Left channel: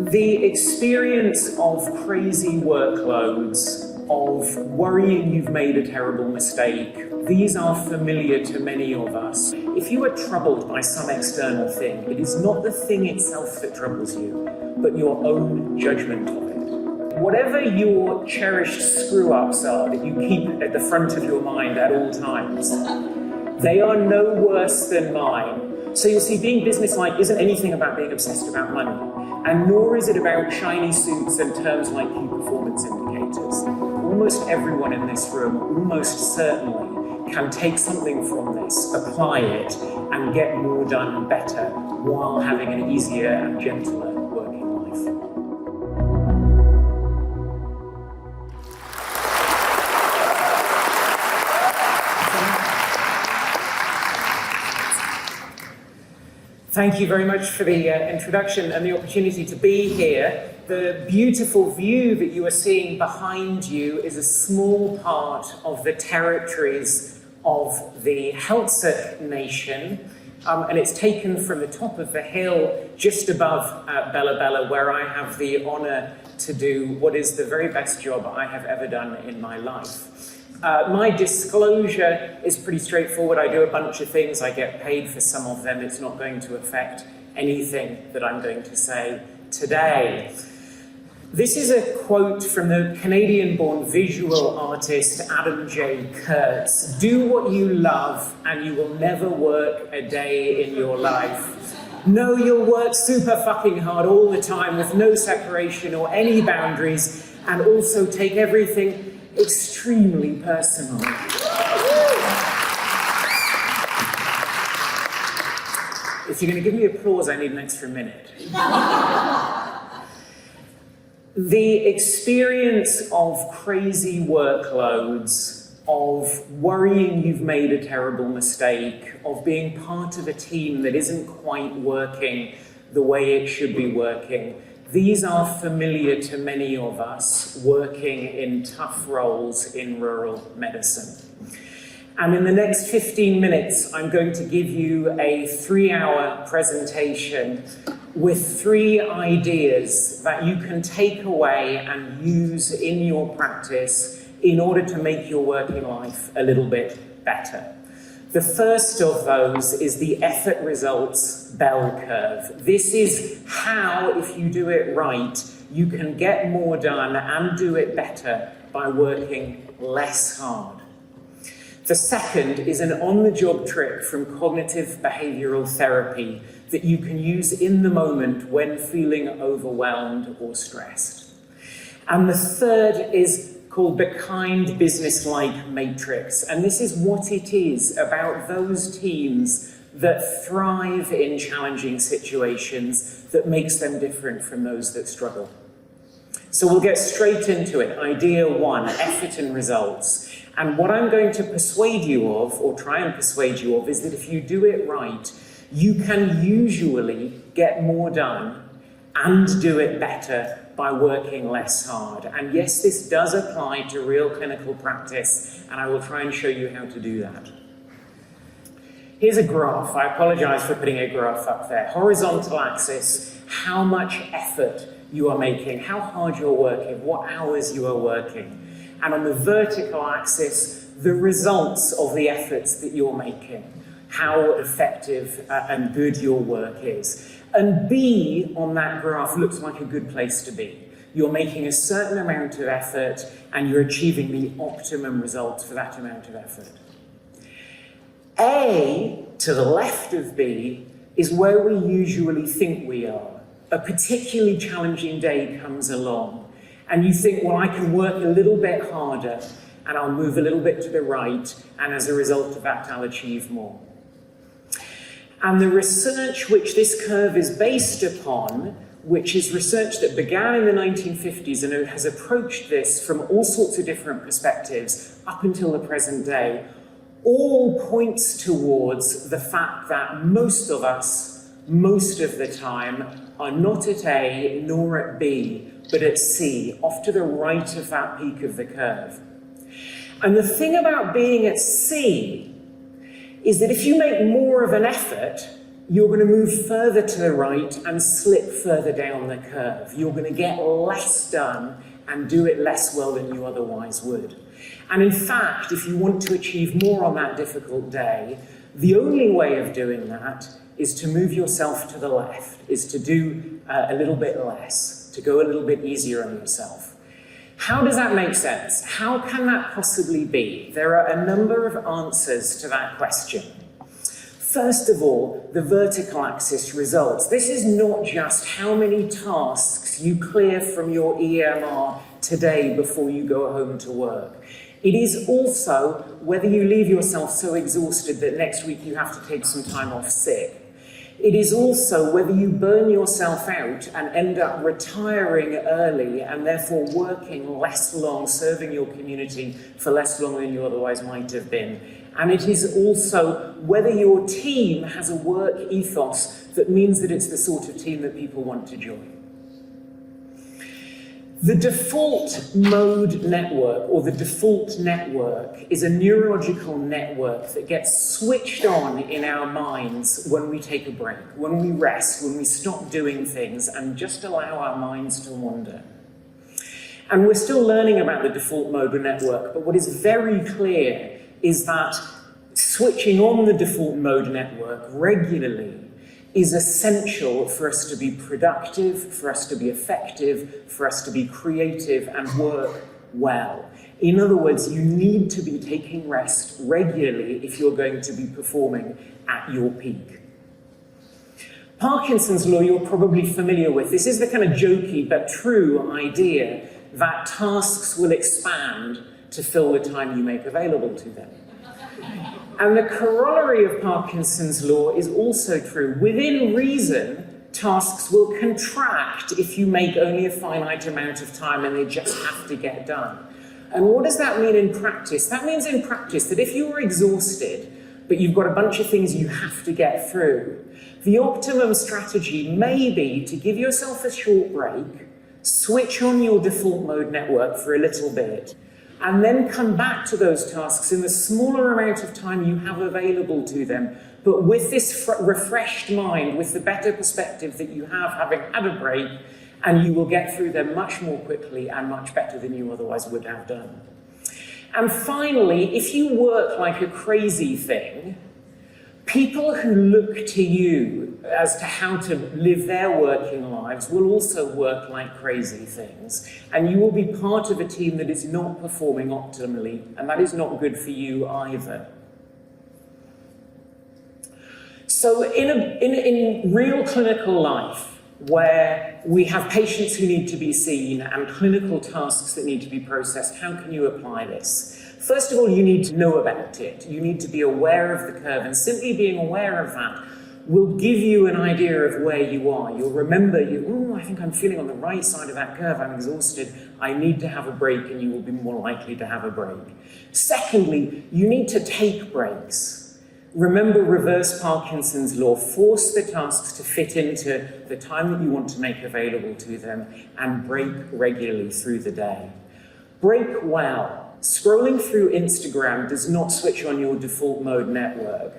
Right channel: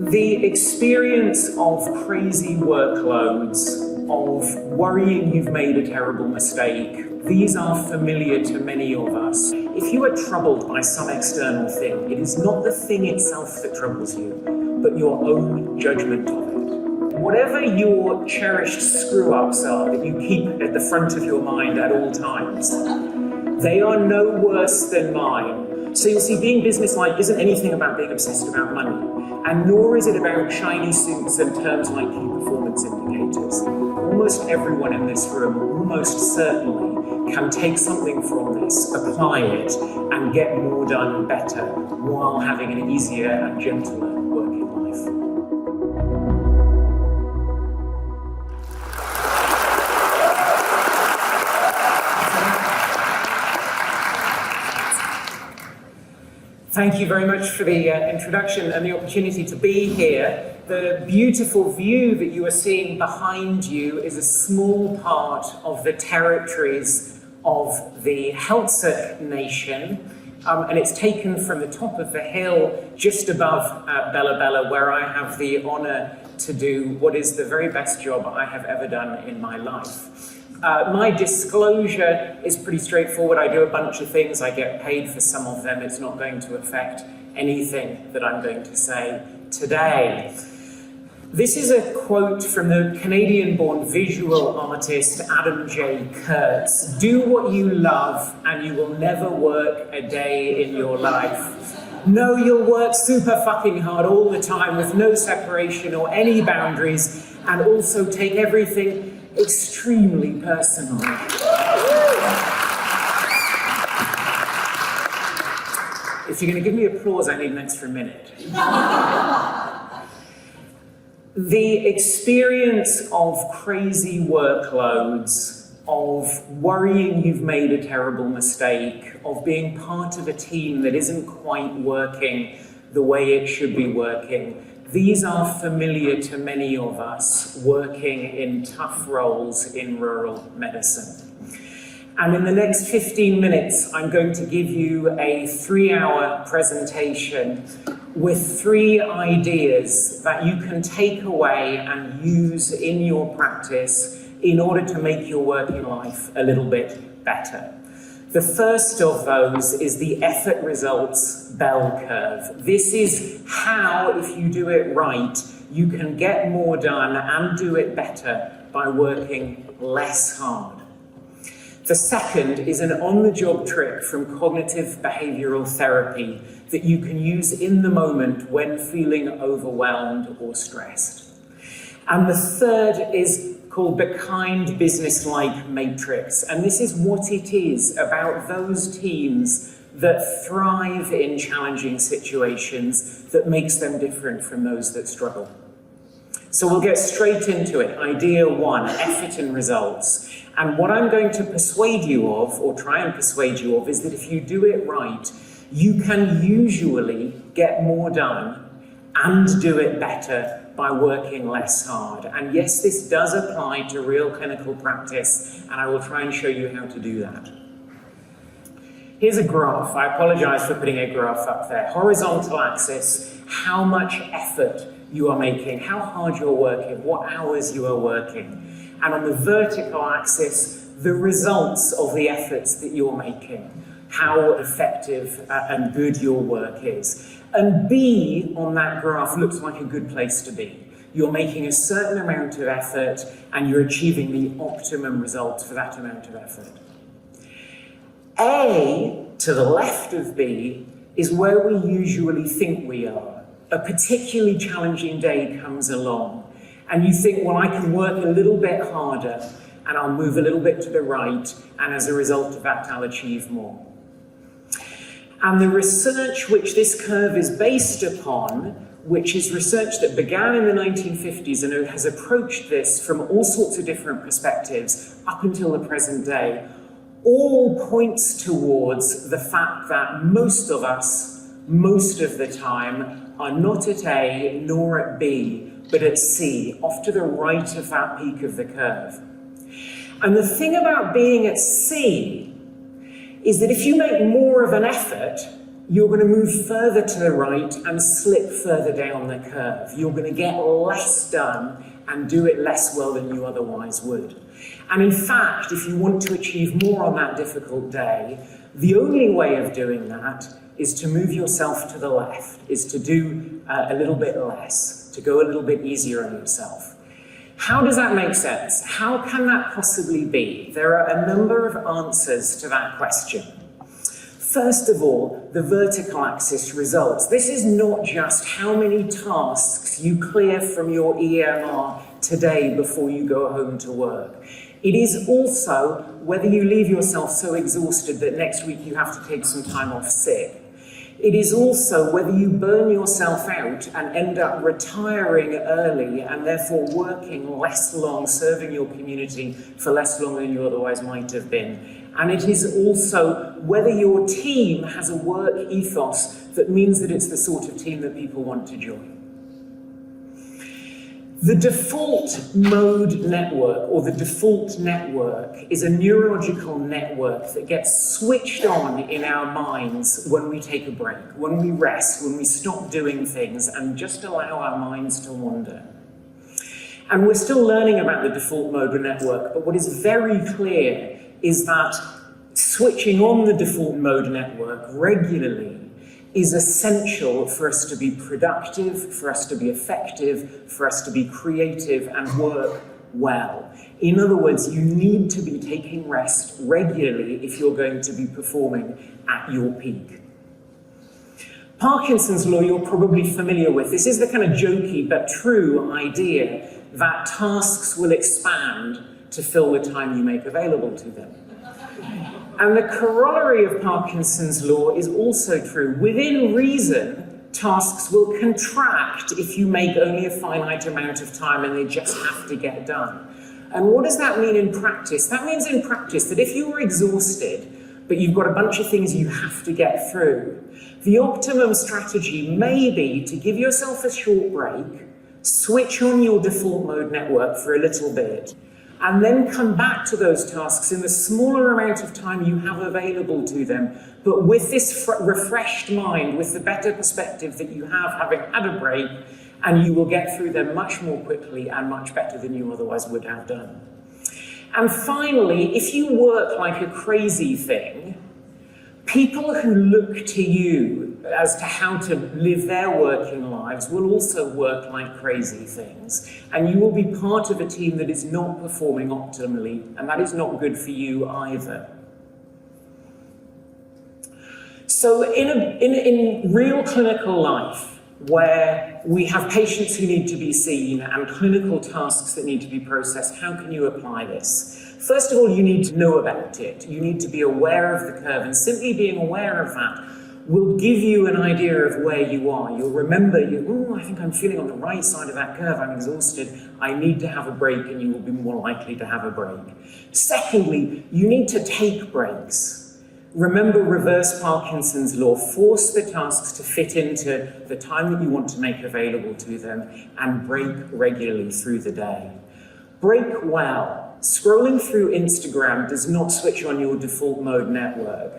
The experience of crazy workloads, of worrying you've made a terrible mistake, these are familiar to many of us. If you are troubled by some external thing, it is not the thing itself that troubles you, but your own judgment of it. Whatever your cherished screw-ups are that you keep at the front of your mind at all times, they are no worse than mine. So you see, being businesslike isn't anything about being obsessed about money, and nor is it about shiny suits and terms like key performance indicators. Almost everyone in this room, almost certainly, can take something from this, apply it, and get more done better while having an easier and gentler working life. Thank you very much for the introduction and the opportunity to be here. The beautiful view that you are seeing behind you is a small part of the territories of the Heltzer Nation, and it's taken from the top of the hill just above Bella Bella, where I have the honour to do what is the very best job I have ever done in my life. My disclosure is pretty straightforward. I do a bunch of things. I get paid for some of them. It's not going to affect anything that I'm going to say today. This is a quote from the Canadian-born visual artist Adam J. Kurtz. Do what you love and you will never work a day in your life. No, you'll work super fucking hard all the time with no separation or any boundaries, and also take everything extremely personal. If you're going to give me applause, I need an extra minute. The experience of crazy workloads, of worrying you've made a terrible mistake, of being part of a team that isn't quite working the way it should be working, these are familiar to many of us working in tough roles in rural medicine. And in the next 15 minutes, I'm going to give you a 3-hour presentation with 3 ideas that you can take away and use in your practice in order to make your working life a little bit better. The first of those is the effort results bell curve. This is how, if you do it right, you can get more done and do it better by working less hard. The second is an on-the-job trick from cognitive behavioral therapy that you can use in the moment when feeling overwhelmed or stressed. And the third is called the kind business-like matrix. And this is what it is about those teams that thrive in challenging situations that makes them different from those that struggle. So we'll get straight into it. Idea 1, effort and results. And what I'm going to persuade you of, or try and persuade you of, is that if you do it right, you can usually get more done and do it better by working less hard. And yes, this does apply to real clinical practice, and I will try and show you how to do that. Here's a graph. I apologize for putting a graph up there. Horizontal axis, how much effort you are making, how hard you're working, what hours you are working. And on the vertical axis, the results of the efforts that you're making, how effective and good your work is. And B on that graph looks like a good place to be. You're making a certain amount of effort and you're achieving the optimum results for that amount of effort. A, to the left of B, is where we usually think we are. A particularly challenging day comes along and you think, well, I can work a little bit harder and I'll move a little bit to the right, and as a result of that, I'll achieve more. And the research which this curve is based upon, which is research that began in the 1950s and has approached this from all sorts of different perspectives up until the present day, all points towards the fact that most of us, most of the time, are not at A nor at B, but at C, off to the right of that peak of the curve. And the thing about being at C is that if you make more of an effort, you're going to move further to the right and slip further down the curve. You're going to get less done and do it less well than you otherwise would. And in fact, if you want to achieve more on that difficult day, the only way of doing that is to move yourself to the left, is to do a little bit less, to go a little bit easier on yourself. How does that make sense? How can that possibly be? There are a number of answers to that question. First of all, the vertical axis results. This is not just how many tasks you clear from your EMR today before you go home to work. It is also whether you leave yourself so exhausted that next week you have to take some time off sick. It is also whether you burn yourself out and end up retiring early and therefore working less long, serving your community for less long than you otherwise might have been. And it is also whether your team has a work ethos that means that it's the sort of team that people want to join. The default mode network, or the default network, is a neurological network that gets switched on in our minds when we take a break, when we rest, when we stop doing things and just allow our minds to wander. And we're still learning about the default mode network, but what is very clear is that switching on the default mode network regularly is essential for us to be productive, for us to be effective, for us to be creative and work well. In other words, you need to be taking rest regularly if you're going to be performing at your peak. Parkinson's law you're probably familiar with. This is the kind of jokey but true idea that tasks will expand to fill the time you make available to them. And the corollary of Parkinson's law is also true. Within reason, tasks will contract if you make only a finite amount of time and they just have to get done. And what does that mean in practice? That means in practice that if you were exhausted, but you've got a bunch of things you have to get through, the optimum strategy may be to give yourself a short break, switch on your default mode network for a little bit, and then come back to those tasks in the smaller amount of time you have available to them, but with this refreshed mind, with the better perspective that you have having had a break, and you will get through them much more quickly and much better than you otherwise would have done. And finally, if you work like a crazy thing, people who look to you as to how to live their working lives will also work like crazy things. And you will be part of a team that is not performing optimally, and that is not good for you either. So in real clinical life, where we have patients who need to be seen and clinical tasks that need to be processed, how can you apply this? First of all, you need to know about it. You need to be aware of the curve, and simply being aware of that will give you an idea of where you are. You'll remember, I think I'm feeling on the right side of that curve, I'm exhausted, I need to have a break, and you will be more likely to have a break. Secondly, you need to take breaks. Remember reverse Parkinson's law, force the tasks to fit into the time that you want to make available to them, and break regularly through the day. Break well. Scrolling through Instagram does not switch on your default mode network.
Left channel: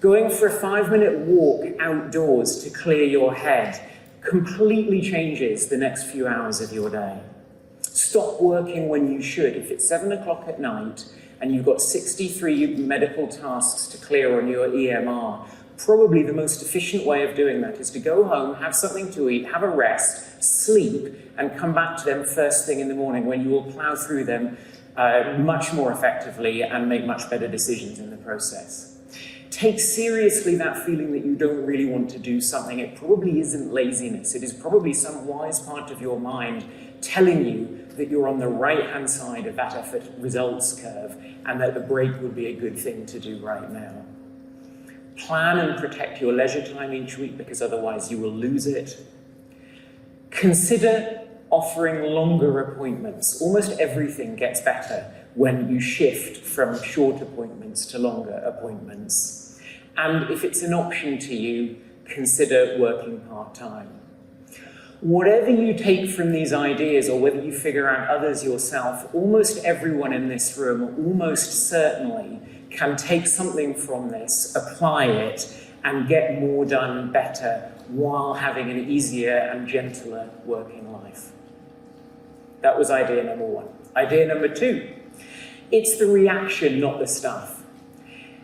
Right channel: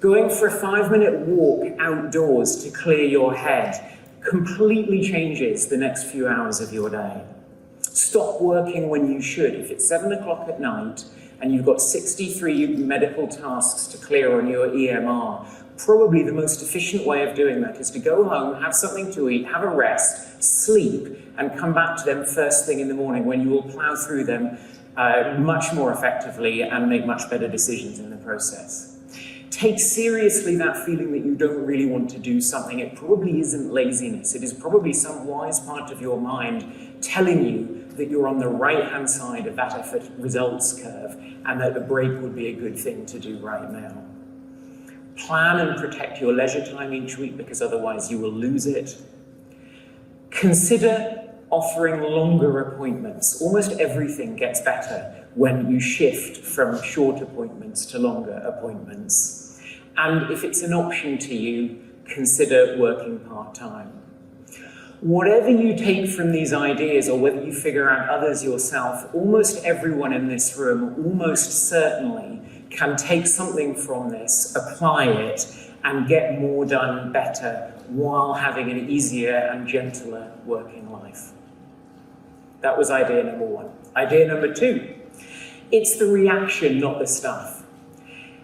Going for a 5-minute walk outdoors to clear your head completely changes the next few hours of your day. Stop working when you should. If it's 7 o'clock at night and you've got 63 medical tasks to clear on your EMR, probably the most efficient way of doing that is to go home, have something to eat, have a rest, sleep, and come back to them first thing in the morning when you will plow through them much more effectively and make much better decisions in the process. Take seriously that feeling that you don't really want to do something. It probably isn't laziness. It is probably some wise part of your mind telling you that you're on the right-hand side of that effort results curve and that a break would be a good thing to do right now. Plan and protect your leisure time each week, because otherwise you will lose it. Consider offering longer appointments. Almost everything gets better when you shift from short appointments to longer appointments. And if it's an option to you, consider working part-time. Whatever you take from these ideas, or whether you figure out others yourself, almost everyone in this room, almost certainly, can take something from this, apply it, and get more done better while having an easier and gentler working life. That was idea number one. Idea number two, it's the reaction, not the stuff.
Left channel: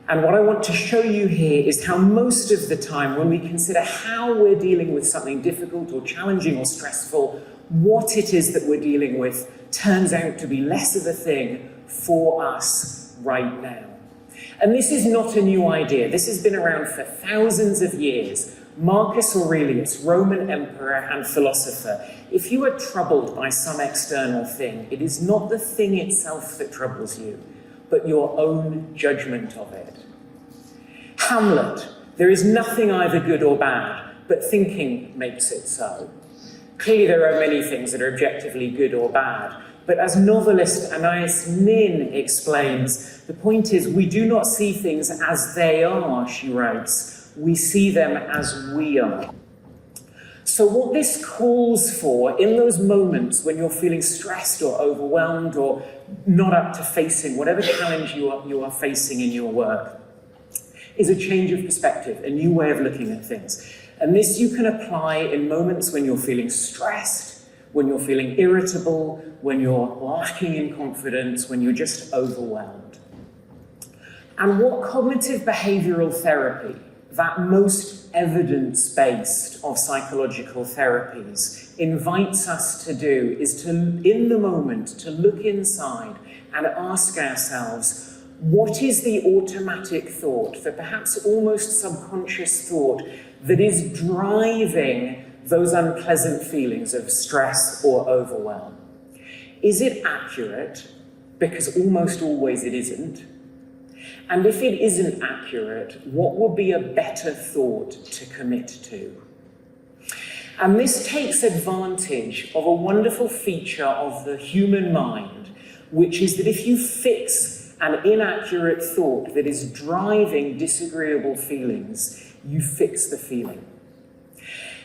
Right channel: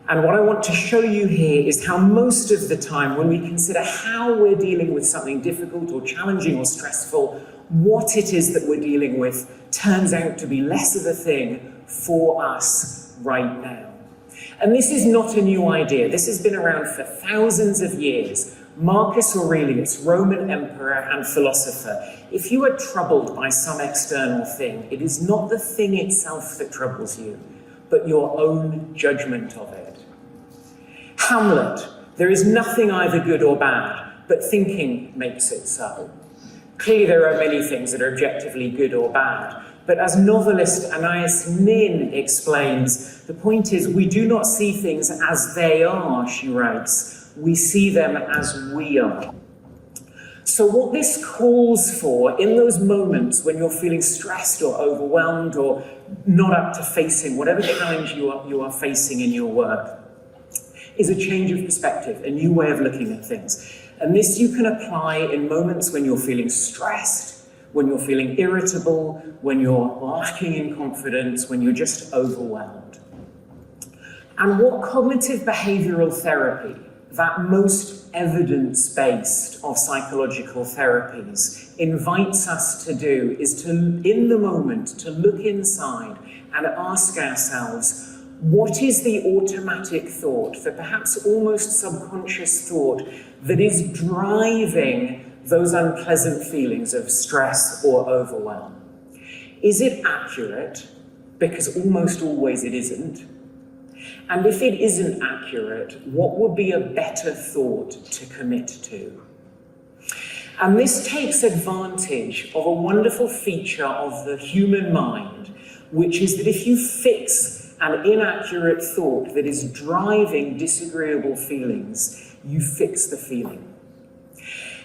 And what I want to show you here is how most of the time when we consider how we're dealing with something difficult or challenging or stressful, what it is that we're dealing with turns out to be less of a thing for us right now. And this is not a new idea. This has been around for thousands of years. Marcus Aurelius, Roman emperor and philosopher, if you are troubled by some external thing, it is not the thing itself that troubles you, but your own judgment of it. Hamlet, there is nothing either good or bad, but thinking makes it so. Clearly there are many things that are objectively good or bad, but as novelist Anais Nin explains, the point is we do not see things as they are, she writes. We see them as we are. So what this calls for in those moments when you're feeling stressed or overwhelmed or not up to facing whatever challenge you are facing in your work is a change of perspective, a new way of looking at things. And this you can apply in moments when you're feeling stressed, when you're feeling irritable, when you're lacking in confidence, when you're just overwhelmed. And what cognitive behavioral therapy, that most evidence-based of psychological therapies, invites us to do is to, in the moment, to look inside and ask ourselves, what is the automatic thought, the perhaps almost subconscious thought that is driving those unpleasant feelings of stress or overwhelm? Is it accurate? Because almost always it isn't. And if it isn't accurate, what would be a better thought to commit to? And this takes advantage of a wonderful feature of the human mind, which is that if you fix an inaccurate thought that is driving disagreeable feelings, you fix the feeling.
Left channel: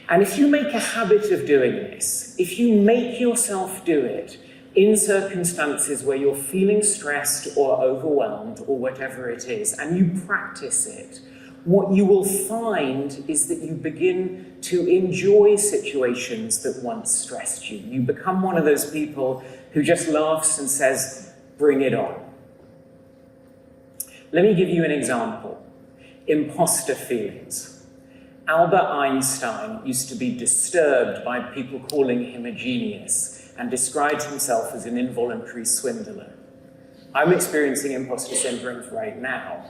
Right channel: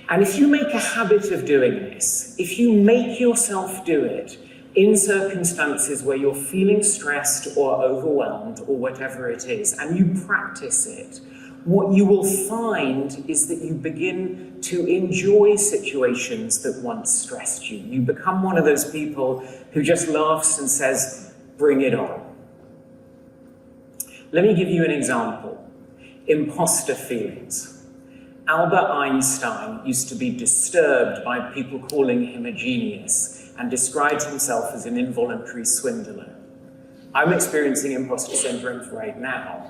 And if you make a habit of doing this, if you make yourself do it in circumstances where you're feeling stressed or overwhelmed or whatever it is, and you practice it, what you will find is that you begin to enjoy situations that once stressed you. You become one of those people who just laughs and says, bring it on. Let me give you an example. Imposter feelings. Albert Einstein used to be disturbed by people calling him a genius and describes himself as an involuntary swindler. I'm experiencing imposter syndrome right now.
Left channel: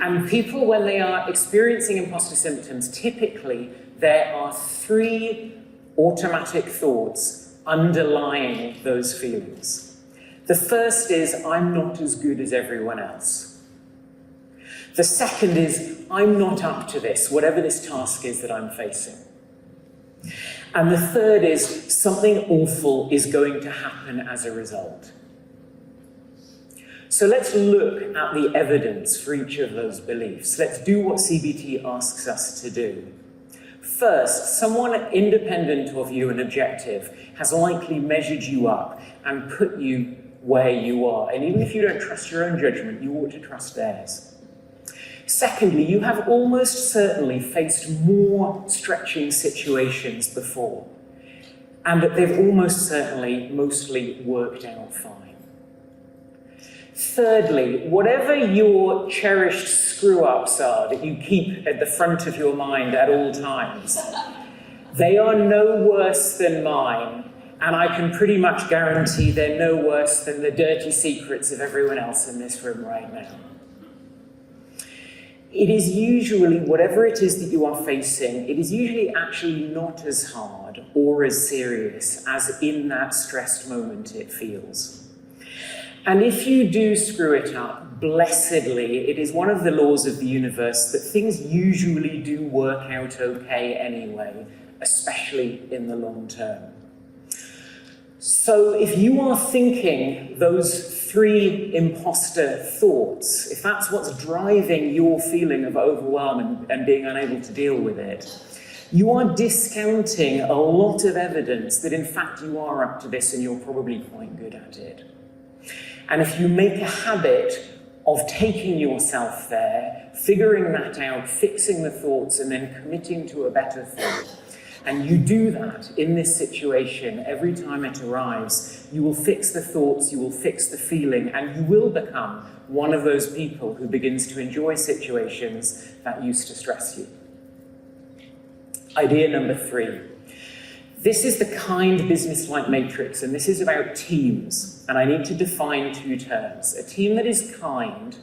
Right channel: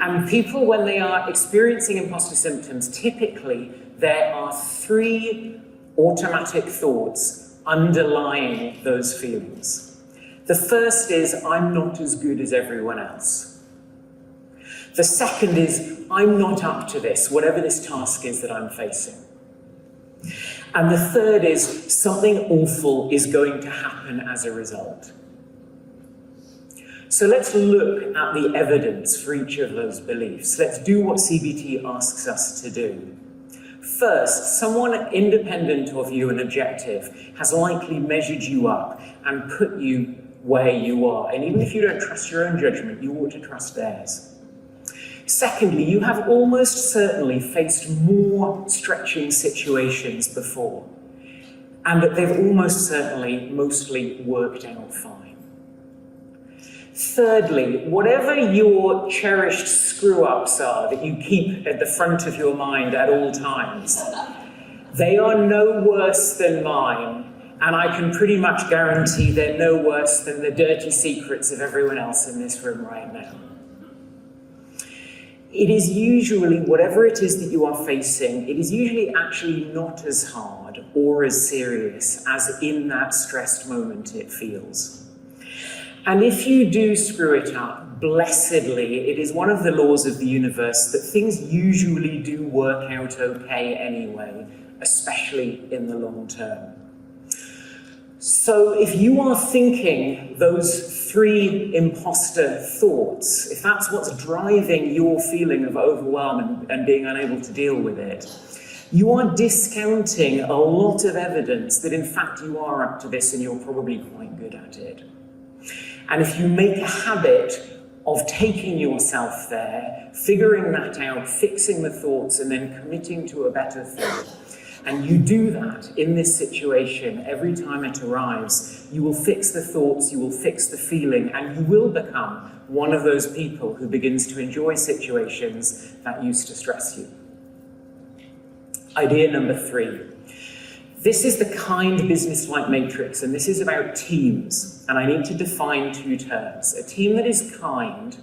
And people, when they are experiencing imposter symptoms, typically there are three automatic thoughts underlying those feelings. The first is, I'm not as good as everyone else. The second is, I'm not up to this, whatever this task is that I'm facing. And the third is, something awful is going to happen as a result. So let's look at the evidence for each of those beliefs. Let's do what CBT asks us to do. First, someone independent of you and objective has likely measured you up and put you where you are. And even if you don't trust your own judgment, you ought to trust theirs. Secondly, you have almost certainly faced more stretching situations before, and that they've almost certainly mostly worked out fine. Thirdly, whatever your cherished screw-ups are that you keep at the front of your mind at all times, they are no worse than mine, and I can pretty much guarantee they're no worse than the dirty secrets of everyone else in this room right now. It is usually, whatever it is that you are facing, it is usually actually not as hard or as serious as in that stressed moment it feels. And if you do screw it up, blessedly, it is one of the laws of the universe that things usually do work out okay anyway, especially in the long term. So if you are thinking those three imposter thoughts, if that's what's driving your feeling of overwhelm and being unable to deal with it, you are discounting a lot of evidence that in fact you are up to this and you're probably quite good at it. And if you make a habit of taking yourself there, figuring that out, fixing the thoughts, and then committing to a better thought. And you do that in this situation every time it arrives. You will fix the thoughts, you will fix the feeling, and you will become one of those people who begins to enjoy situations that used to stress you. Idea number 3. This is the kind business-like matrix, and this is about teams. And I need to define 2 terms. A team that is kind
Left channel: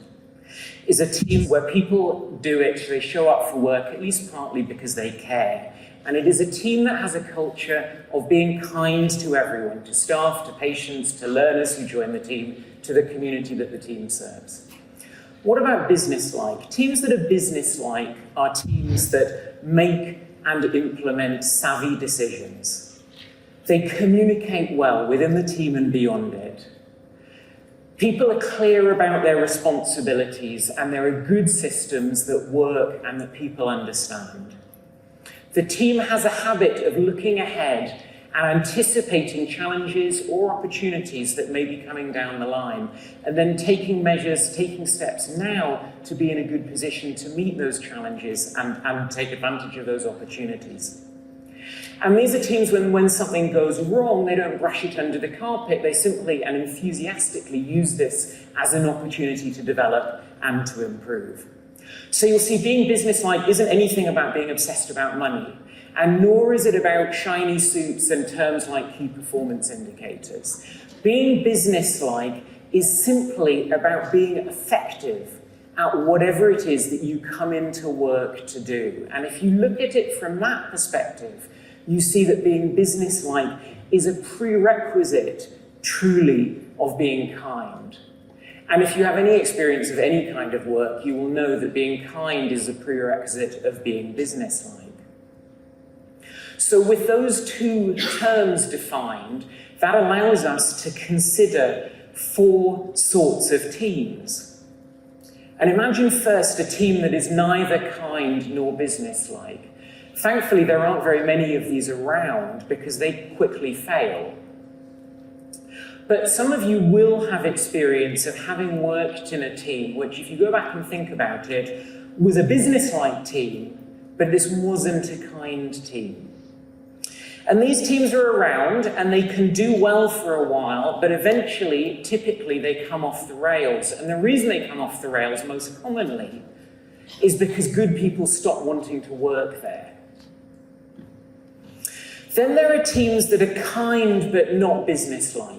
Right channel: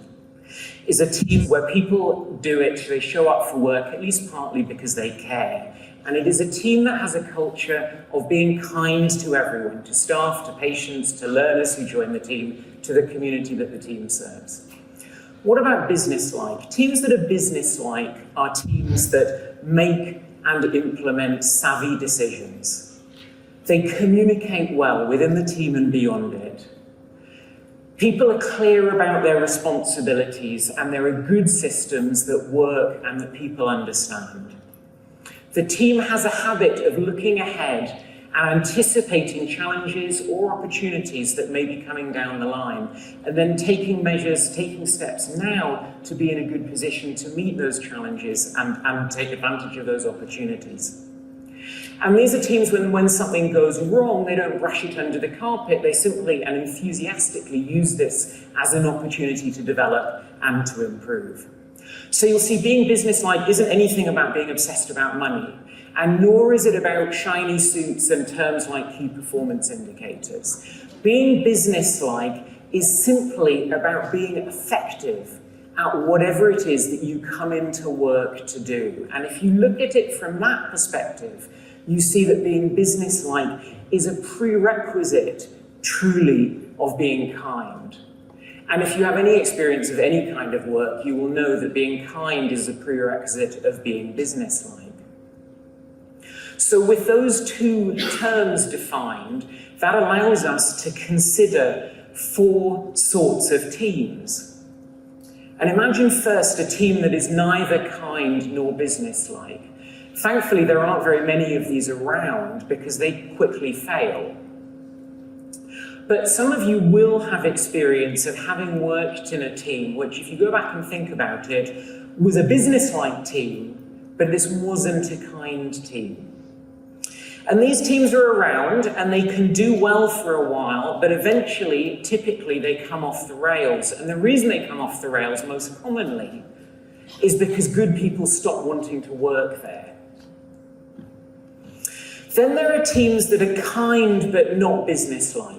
is a team where people do it, they show up for work, at least partly because they care. And it is a team that has a culture of being kind to everyone, to staff, to patients, to learners who join the team, to the community that the team serves. What about business-like? Teams that are business-like are teams that make and implement savvy decisions. They communicate well within the team and beyond it. People are clear about their responsibilities, and there are good systems that work and that people understand. The team has a habit of looking ahead and anticipating challenges or opportunities that may be coming down the line, and then taking measures, taking steps now to be in a good position to meet those challenges and take advantage of those opportunities. And these are teams when something goes wrong, they don't brush it under the carpet, they simply and enthusiastically use this as an opportunity to develop and to improve. So you'll see being businesslike isn't anything about being obsessed about money, and nor is it about shiny suits and terms like key performance indicators. Being businesslike is simply about being effective at whatever it is that you come into work to do. And if you look at it from that perspective, you see that being businesslike is a prerequisite, truly, of being kind. And if you have any experience of any kind of work, you will know that being kind is a prerequisite of being businesslike. So with those 2 terms defined, that allows us to consider 4 sorts of teams. And imagine first a team that is neither kind nor businesslike. Thankfully, there aren't very many of these around because they quickly fail. But some of you will have experience of having worked in a team which, if you go back and think about it, was a business-like team, but this wasn't a kind team. And these teams are around and they can do well for a while, but eventually, typically, they come off the rails. And the reason they come off the rails most commonly is because good people stop wanting to work there. Then there are teams that are kind but not business-like.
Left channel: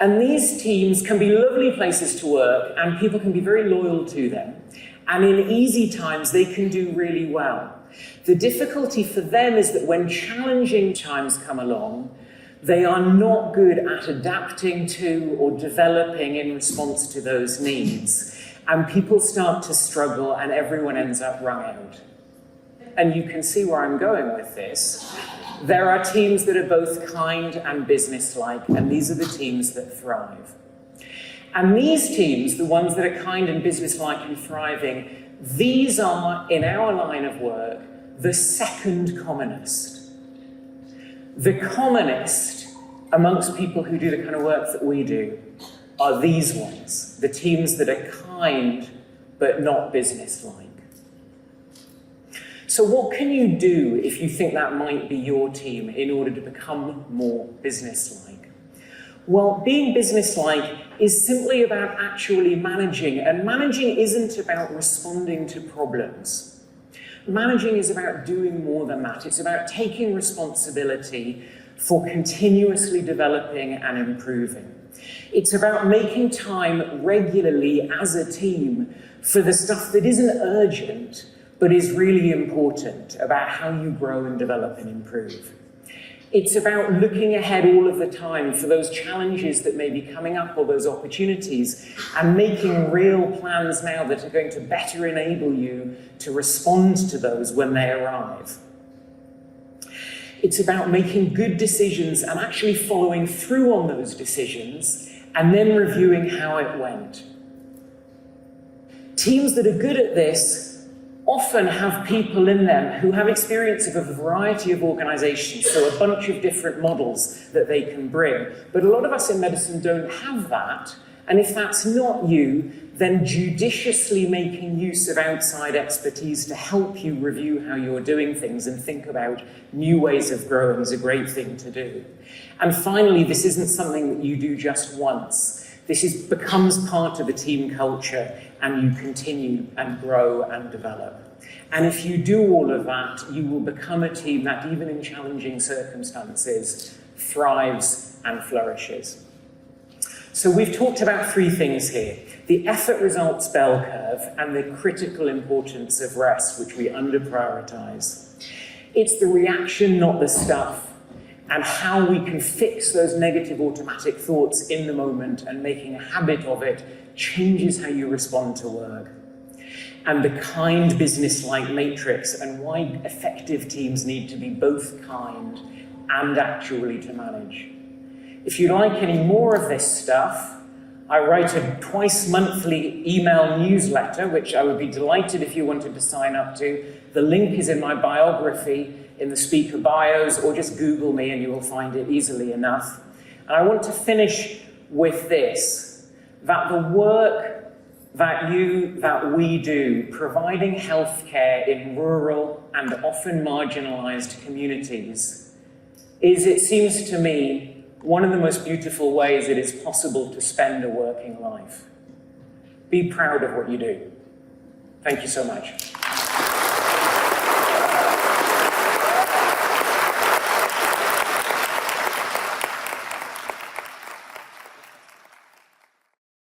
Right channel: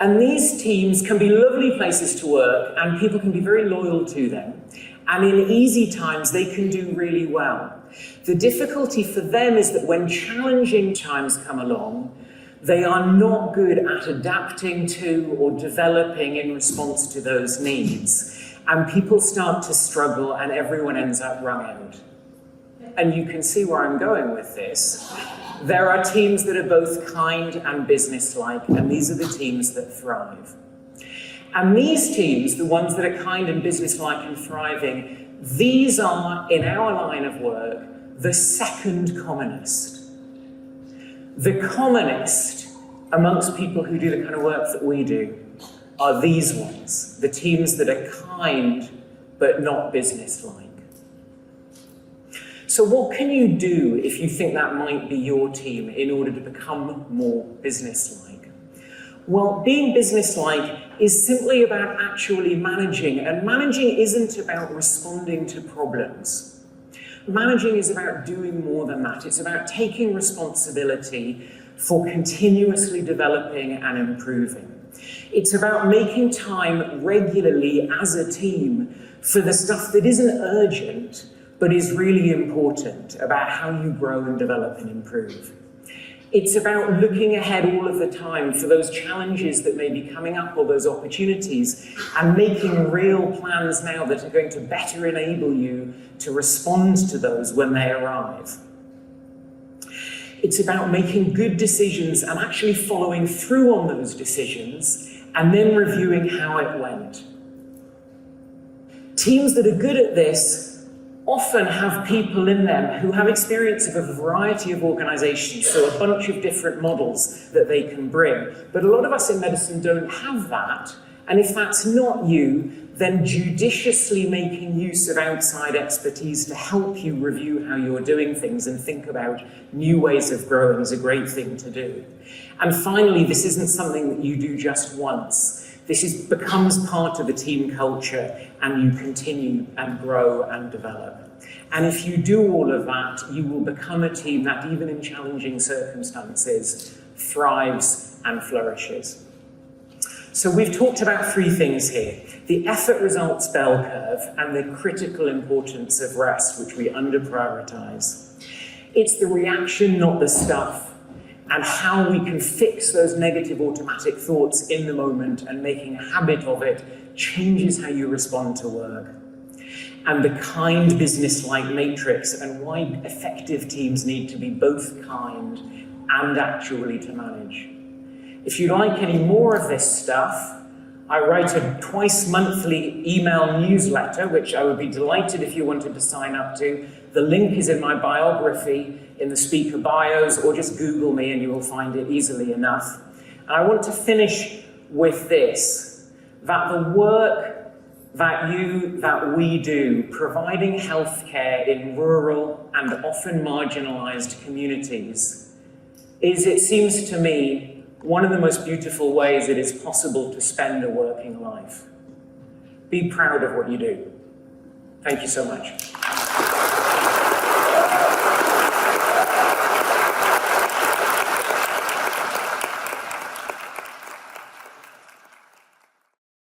And these teams can be lovely places to work, and people can be very loyal to them. And in easy times, they can do really well. The difficulty for them is that when challenging times come along, they are not good at adapting to or developing in response to those needs. And people start to struggle, and everyone ends up wrung out. And you can see where I'm going with this. There are teams that are both kind and business-like, and these are the teams that thrive. And these teams, the ones that are kind and business-like and thriving, these are, in our line of work, the second commonest. The commonest amongst people who do the kind of work that we do are these ones, the teams that are kind but not business-like. So what can you do if you think that might be your team in order to become more business-like? Well, being business-like is simply about actually managing, and managing isn't about responding to problems. Managing is about doing more than that. It's about taking responsibility for continuously developing and improving. It's about making time regularly as a team for the stuff that isn't urgent, but is really important about how you grow and develop and improve. It's about looking ahead all of the time for those challenges that may be coming up or those opportunities and making real plans now that are going to better enable you to respond to those when they arrive. It's about making good decisions and actually following through on those decisions and then reviewing how it went. Teams that are good at this often have people in them who have experience of a variety of organizations, so a bunch of different models that they can bring. But a lot of us in medicine don't have that, And if that's not you, then judiciously making use of outside expertise to help you review how you're doing things and think about new ways of growing is a great thing to do. And finally, this isn't something that you do just once. This becomes part of a team culture, and you continue and grow and develop. And if you do all of that, you will become a team that, even in challenging circumstances, thrives and flourishes. So we've talked about three things here: the effort results bell curve and the critical importance of rest, which we under-prioritize. It's the reaction, not the stuff, and how we can fix those negative automatic thoughts in the moment, and making a habit of it changes how you respond to work. And the kind business-like matrix, and why effective teams need to be both kind and actually to manage. If you like any more of this stuff, I write a twice-monthly email newsletter, which I would be delighted if you wanted to sign up to. The link is in my biography, in the speaker bios, or just Google me and you will find it easily enough. And I want to finish with this, that the work that we do, providing healthcare in rural and often marginalized communities, is, it seems to me, one of the most beautiful ways it is possible to spend a working life. Be proud of what you do. Thank you so much.